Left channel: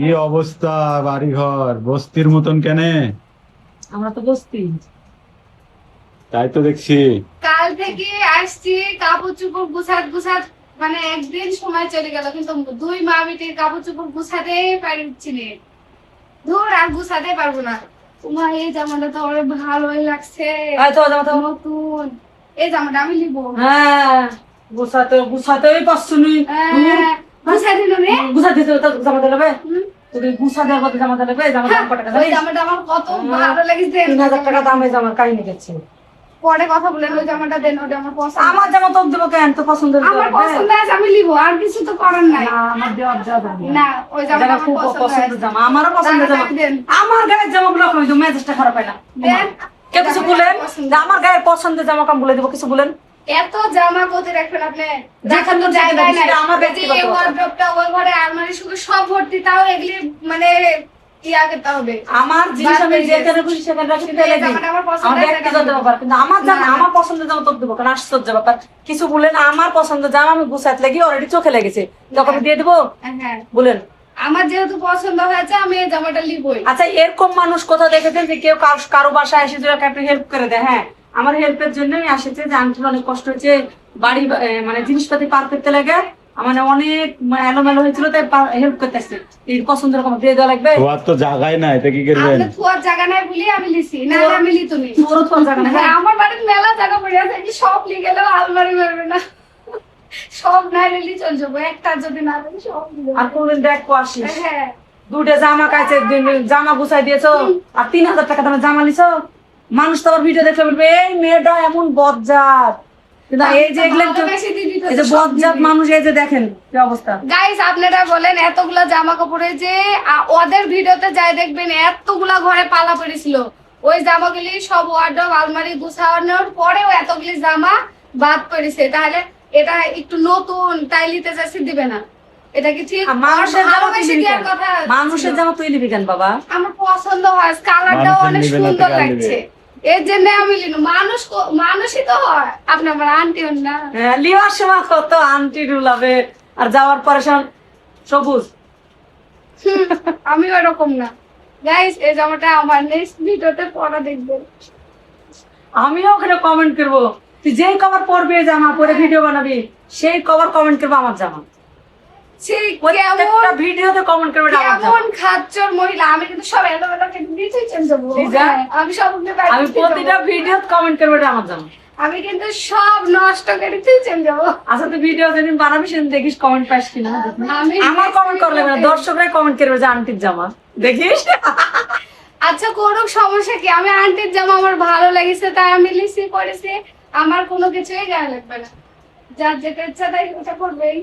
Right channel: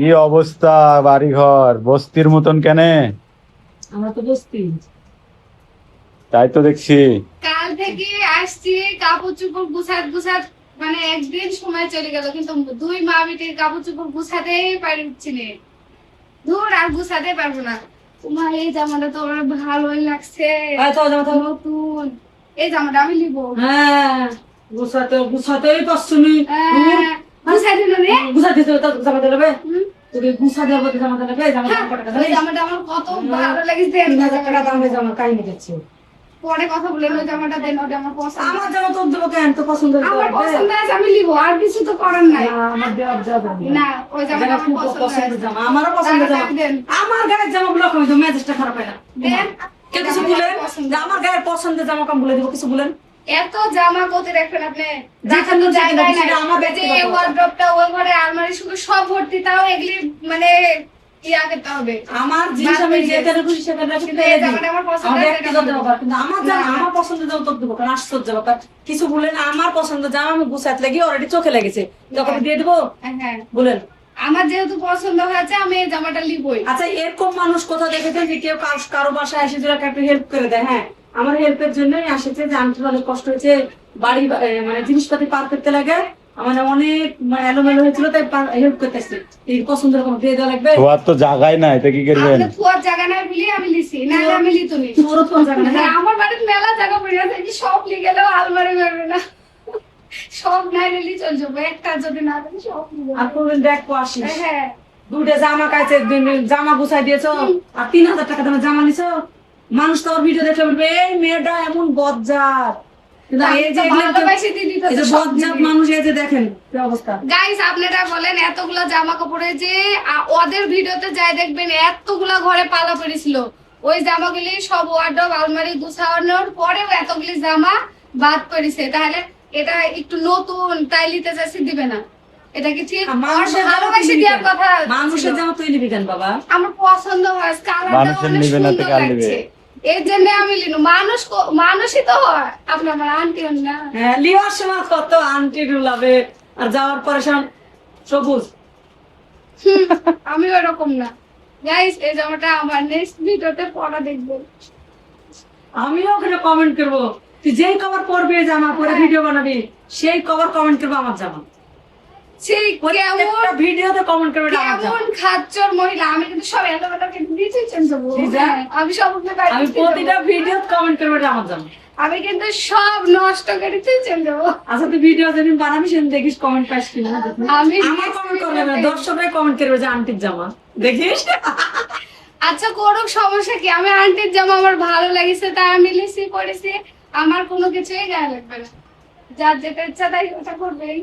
কি অবস্থা? বাড়িঘর বস্তির মতন কেনে? আমরা তো বসতি। তাই তো দেখছি। কাল থেকে আসছি, কাপড় চোপড় গুছাত গুছাত মানে একদিন সময় চলে গেল, কিন্তু দুই মা বেটি কাপড় চোপড় গুছাতে পারি উঠছি নে। দূর আর গুছাতে পারবো না। তোমা এই জামাটা তো অনেক ভালোই লাগছে, তাই তো জামা তো নতুন। এই জামাটা আমি নিবো। হ্যাঁ, গুছাতেই পারছো নি। গুছাই দিল নে। গুছাতে তো জামা দেবে। হুম। তোকে গুছা দেওয়ার মধ্যে জামা দেবে। জামা দাম কত টাকা ওই জানিস? জামাটা আমার কত ভালো লেগেছে। 3000 টাকা দামের জামার কাহিনী দেখছে। পরে কথা বলেন, ওই জামাটা দেন, ওটা আমার পছন্দ। আমার জামা তো দেবো কেন? তো পছন্দের আমার পছন্দ আছে, আমি নিবো, আর কিছু তো করার নাই। না, আমার দেওয়ার জামা না, ওই জামাটা আমার খুব পছন্দ পছন্দের আছে। জামা। আমারও পছন্দের জামা। দেন। আমার গায়ের জামাগুলো কই তো মেজাজটা খারাপ হয় না। দেন। কেউ কিছু বলেন যে আমার গায়ের পছন্দের জামা কাম বলে দিব, কিছু বলেন? এত জামা কোথায় রাখবেন আপনি? যেখানে কোনো যেখানে জায়গায় সেটা নাই। আমার এই যে ব্যক্তিগত এই ব্যাপার। ওয়ার্ডরোবটা, ওই ঘরে আলমারি শুধু সব ভর্তি, তাও এগুলি মানে ইয়া করতে হবে। আমার জিনিস আমি যেখানে খুশি সেখানে রাখি, কিন্তু এই ফেলে দিই। জামাটা আমার পছন্দ আমার আছে, ব্যক্তিগত এটা ব্যাপার, কিন্তু আমার জামা, না, না। আমার পছন্দের জামা তো দেবো কারণ আশ্চর্য ব্যাপার। কিছু বলেন, আমার পছন্দের জামা আমি গুছাতে লাগি, অলরেডি চোখে লেগেছে, তখন আমি দিয়ে দিবো। হ্যাঁ, বলেন। আমার যেহেতু পছন্দ হয়েছে, আমি এই জামাটা নিবই। আচ্ছা, এরকম মানুষ কোথাও দেখেছেন যে কেউ কারো বাসায় এসে যদি একটু হেল্প করে দেয়? হ্যাঁ, আমার হেল্পের জন্যই আসেছে যে আন্টির অনেক কষ্ট হয়েছে, বাড়ি মানে জিনিসপাতি পার করতে লাগে, মানে অনেক এলোমেলো হয়েছিল, তাই হেল্প করতে আসছে। এই পছন্দের রকম দিয়ে দেওয়া লাগবে। তোমার তো জায়গায় নাই, তো কি করবেন? আপনি থুয়ার জায়গা নাই বলি আমি লিছি, না আমি লিতো নি। তোরও তো জায়গা না। হ্যাঁ, আমার বাড়িতে মেলা জায়গা পড়ে আছে, এগুলি সব লিয়ে গেলেও আলমারি ভরবে না। সব না নিলে চলে যাবো, একটা যদি না থাকে সব নিয়ে আর যাবো। কোনদিন দেখো আসিস, হ্যাঁ, দুটো জামা কাছে জামা গুছাই দিয়েছো, আর 3000 টাকা দামের জামা নিছো। মানুষ তো আবার ভিডিও দেখলে বলবে এই মেয়েটা এমন বজ্জাত, কিন্তু এই যে এগুলো ভালোবাসি দিদি তো এই যে সব বজ্জাত দিবে। মানুষ, এই যে দেখেন কি অবস্থা। গাইস, আপনারা বলেন এতগুলা জামা কাপড়ে যে ওদের ভিডিওতে যাই দেখবেন এতগুলা ঘরে পালা পড়েছিল, ওই জামাগুলি সব ওয়ার্ডরোব আলমারি গুছানোর পরেও এতগুলি জামা বাদ পড়েছে। তাহলে এটা একটু নতুন, তাই নিতে চাইছি, দিবে না? এটা কি ঠিক? আর মানুষের জামা ভালোবাসি তুই নিবি দেওয়ার কেন? কথা মানুষের ছিল। জামা তুই নিবি কেন বাবা? আমার পছন্দ হয়, কালারটাও মানুষের অনেক নিবে না তো সুন্দর কার লাগছে, নিবে? এর জন্য আমি নিলাম। মানুষই তো হয়, আপনি আমার আন্টি না। হ্যাঁ, লিওয়ার সময় কত আন্টি রুলাবে, আর যাওয়ার পরে সবুজ। আমি ওরকম না। গাইস, এই জামাটা আমার নেক্সট ভিডিওতে পরা দেখবেন। আমিও ওখানে কমেন্ট করবো, তুই যেই কভার পরবি এই জামা পরে ভিডিও বানাবি, সেই কভার কমেন্ট করবো আমার জামা। সেই কেমন প্রত্যেকটা ভিডিওতে কমেন্ট করবে এটা আমার জামা। কেমন খাচ্চর মহিলা! আমি কিন্তু সব এলোমেলো কেটে দিতেই চেঞ্জ যাবো। দিদা? আমি সব আমি প্রতিটা ভিডিও কমেন্ট করবো এটা আমার জামা। আমি কিন্তু সব নষ্ট কেটেই চেঞ্জ যাবো। আচ্ছা, তুই ভিডিও যেদিন বানাবি সেদিন দেখিস কমেন্ট পাস কিনা। আমি আমার কমেন্ট করলে না, দর্শকরাই কমেন্ট করবে যে আন্টির জামা, দেখিস। আচ্ছা, করুক, সমস্যা কি? আমি আন্টির জামা আমার ভালো লেগেছে তাই আমি লিসি পরেছি, আমার কোনো কিছুই গায়ে লাগবে না। যার যেটা ইচ্ছা তাই ওটা করবেই।